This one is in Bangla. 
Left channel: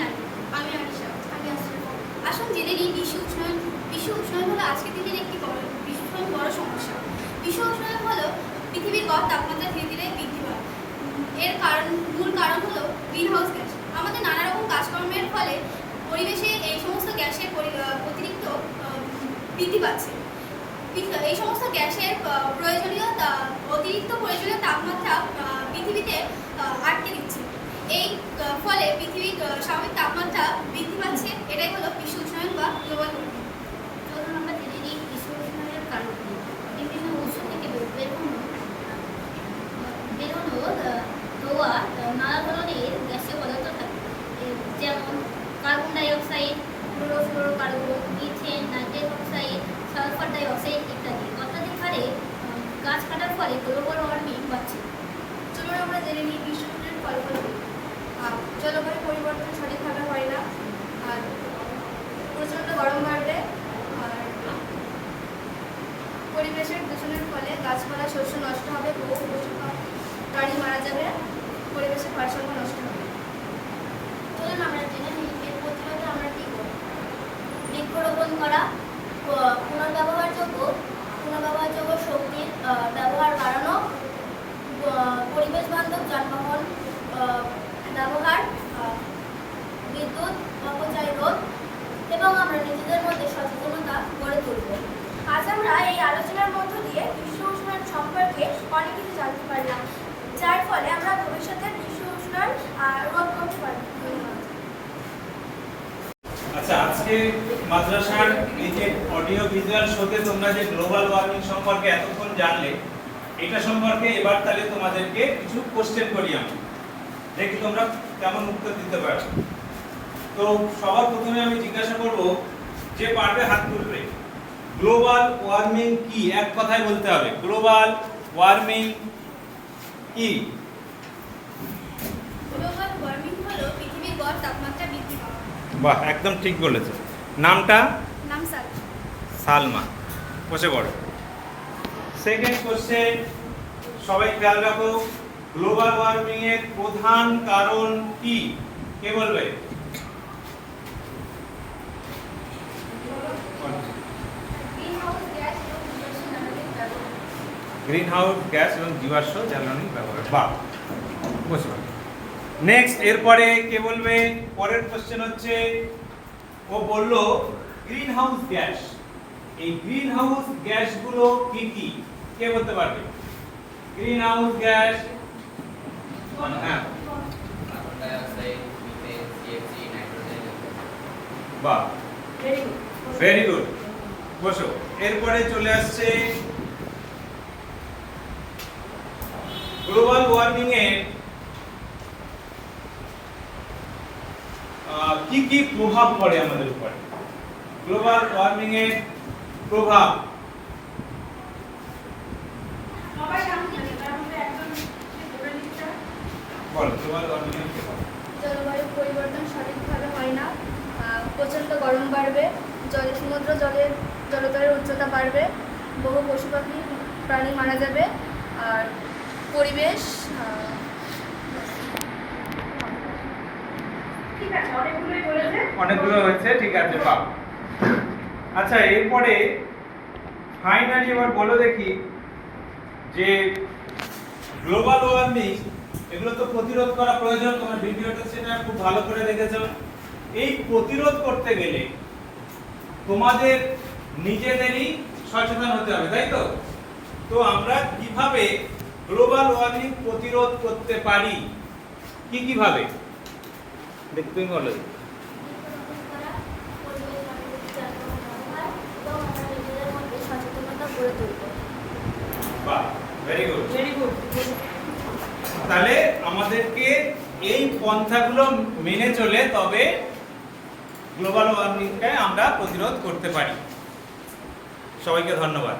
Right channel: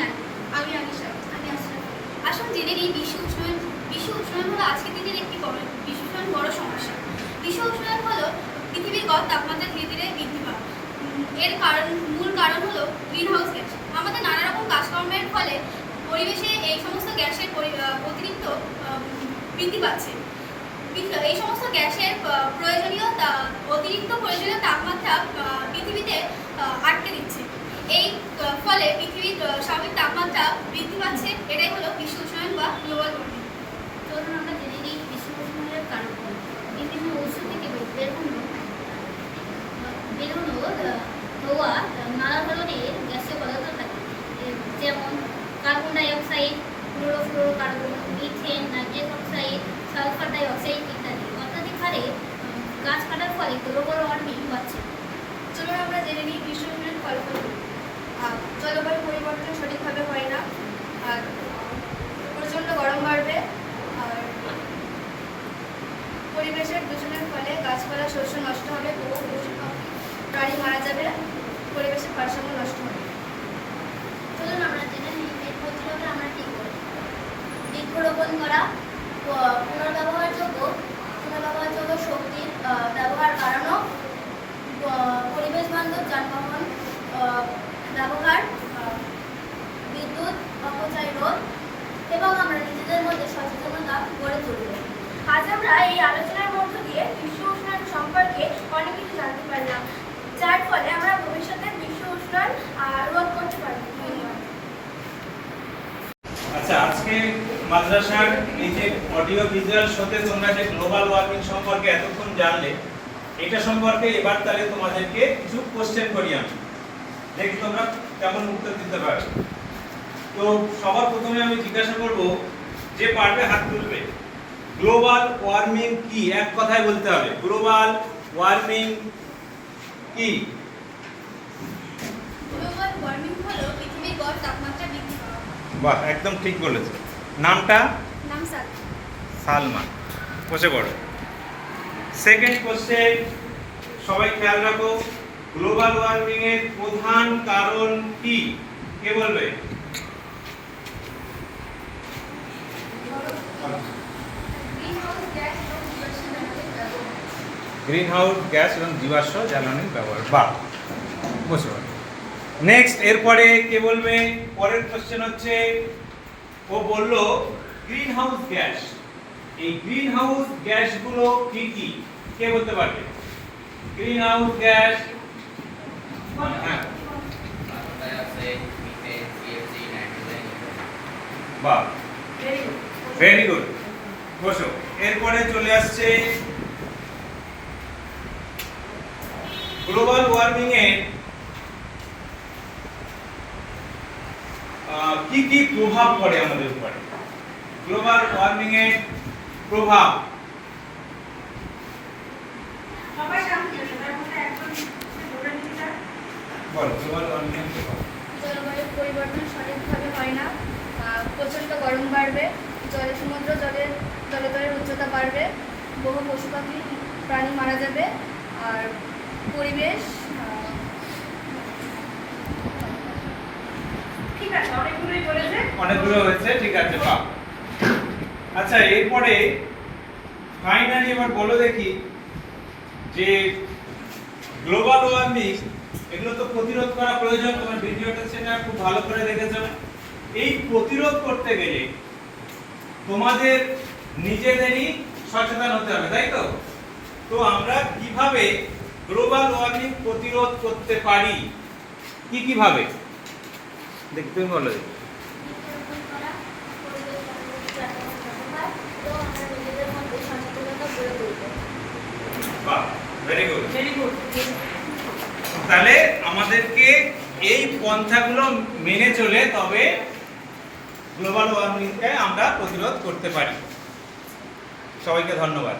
হ্যাঁ, আমি আনিশা, আমি আশরাফ বিশ্ব উষ্ণায়ন বিশ্ব উষ্ণায়ন হলো আজকের দিনের একটি বড় বিশ্ব উষ্ণায়ন বড় সমস্যা। বিশ্ব উষ্ণায়ন হলো পৃথিবীর গড় তাপমাত্রা ধীরে ধীরে বৃদ্ধি পাওয়া। এর কারণ, মূল কারণ হলো গ্রিন হাউস গ্যাস আমাদের নানা রকম কাজকর্মের ফলে পরিবেশে এই সমস্ত গ্যাসের অতিরিক্ত বৃদ্ধি পাচ্ছে। এই সমস্ত গ্যাসের প্রয়োজনীয় অতিরিক্ত প্রয়োজনীয় তাপমাত্রা পৃথিবীতে স্বাভাবিক তাপমাত্রা বৃদ্ধি পাচ্ছে এটাই হলো বিশ্ব উষ্ণায়ন বা গ্লোবাল ওয়ার্মিং ধরুন আমরা জেনে নিই বিশ্ব উষ্ণায়নের কারণগুলো বিভিন্ন উৎস থেকে বের- বেরোনো বেরোনো আহ, ধোঁয়া নানা ধরনের গ্যাসীয় পদার্থ থাকে। যেমন carbon dioxide chlorofluorocarbon methane nitrous oxide sulphur dioxide ইত্যাদি অত্যাধিক হারে গাছ কাটার ফলে গ্লোবাল ওয়ার্মিং বাড়ছে। চলুন আমরা জেনে নিই বিশ্ব উষ্ণায়ন ফলাফলগুলি জলবায়ু পরিবর্তন সঠিকভাবে হয় না, আর প্রচণ্ড গরম বাড়বে, আর পরিবেশের দূষণের ফলে গাছপালা শস্য নষ্ট হবে, বহু প্রাণী মারা যাবে, পরিবেশের ভারসাম্য নষ্ট হবে। চলুন আমরা জেনে নিই প্রতিরোধে আমরা কী করি। বৃক্ষরোপণ করা, প- পুনর্ব্যবহারযোগ্য পুনর্ব্যবহারযোগ্য শক্তির আহ, ব্যবহার বাড়ানো প- পরিবেশ বান্ধব যানবাহন আহ, ব্যবহার আহ, বিদ্যুৎ অপচয় রোধ এবং আমরা নিজেদের মধ্যে সচেতনতা গড়ে তুলব আজ আমরা এই আলোচনার মধ্য দিয়ে বিশ্ব উষ্ণায়ন সম্পর্কে অনেক কিছু জানতে পারলাম যার ফলে আমরা ভবিষ্যতে বিশ্ব উষ্ণায়ন আহ, রোধ করতে পারব ধন্যবাদ আচ্ছা আজকে মাদ্রাসার এই যে অডিও ভিজুয়াল শোতে তোমরা যে গ্লোবাল ওয়ার্মিং সম্পর্কে এতক্ষণ জানলে, এটা সম্পর্কে এবার তাহলে তোমাদেরকে কিছু কোশ্চেন করি আমি। দেখি তোমরা কেমন উত্তর দিতে পারো। তো সবার প্রথমে আমি জিজ্ঞাসা করব, যে পারবে হাত তুলবে? গ্লোবাল ওয়ার্মিং কি? এক কথায় বলতে হবে। গ্লোবাল ওয়ার্মিং কি গ্লোবাল ওয়ার্মিং হলো পৃথিবীর গড় তাপমাত্রা বৃদ্ধি পাওয়া বাহ একদম ঠিক বলেছে। নামটা? নাম সালমা। বসে পড়ো। সেকেন্ড কোশ্চেন সবাই খেয়াল রাখো গ্লোবাল ওয়ার্মিং এর প্রধান কারণ কি? কে বলবে? গ্রিন হাউস গ্যাস এবং জীবাশ্ম জ্বালানির ব্যবহার। বাহ। বসে পড়ো। নেক্সট এরপরে কে বলবে? পরের কোশ্চেন হচ্ছে, ও বলল গ্রিন হাউস গ্যাস এই গ্রিন হাউস গ্যাসগুলো কি কি? কে বলতে পারবে? Greenhouse gas. বাহ। ভেরি গুড বসো। এরপরে চলে আসছে গ্লোবাল ওয়ার্মিং এর কি কি প্রভাব পড়ে আমাদের উপরে? গ্লোবাল ওয়ার্মিং এর প্রভাব। জলবায়ু পরিবর্তন সঠিকভাবে হয় না। প্রচণ্ড গরম বাড়বে জলে সমুদ্র জলের জলতলের উচ্চতা বাড়বে বহু পশু পাখি প্রাণী মারা যাবে আর পরিবেশ আহ, ঠিক আছে অনেকগুলোই বলেছে অনেকগুলো হয়েছে, ঠিক আছে বাহ আচ্ছা এরপরে ফাইনালি এবার বলো দেখি যে গ্লোবাল ওয়ার্মিং এগুলো তো প্রতিরোধ করা প্রয়োজন, তোমার ভিডিওটা সেটা খুব ভালো করে দেখেছ। এই প্রতিরোধ করতে গেলে তোমাদের নিজেদেরই সচেতন হতে হবে, তাই তো? তো আমরা কীভাবে গ্লোবাল ওয়ার্মিং প্রতিরোধ করতে পারি? কি কীভাবে? দেখি তুমি বলো বৃক্ষরোপণ করা পরিবেশ বান্ধব যানবাহন ব্যবহার এবং আমরা নিজেদের মধ্যে সচেতনতা গড়ে তুলব বাহ ভেরি গুড ভেরি গুড তাহলে আমাদেরকে এই পন্থাগুলো মেনে চলে তবে গ্লোবাল ওয়ার্মিংকে আমরা প্রতিরোধ করতে পারি। সবাইকে ধন্যবাদ।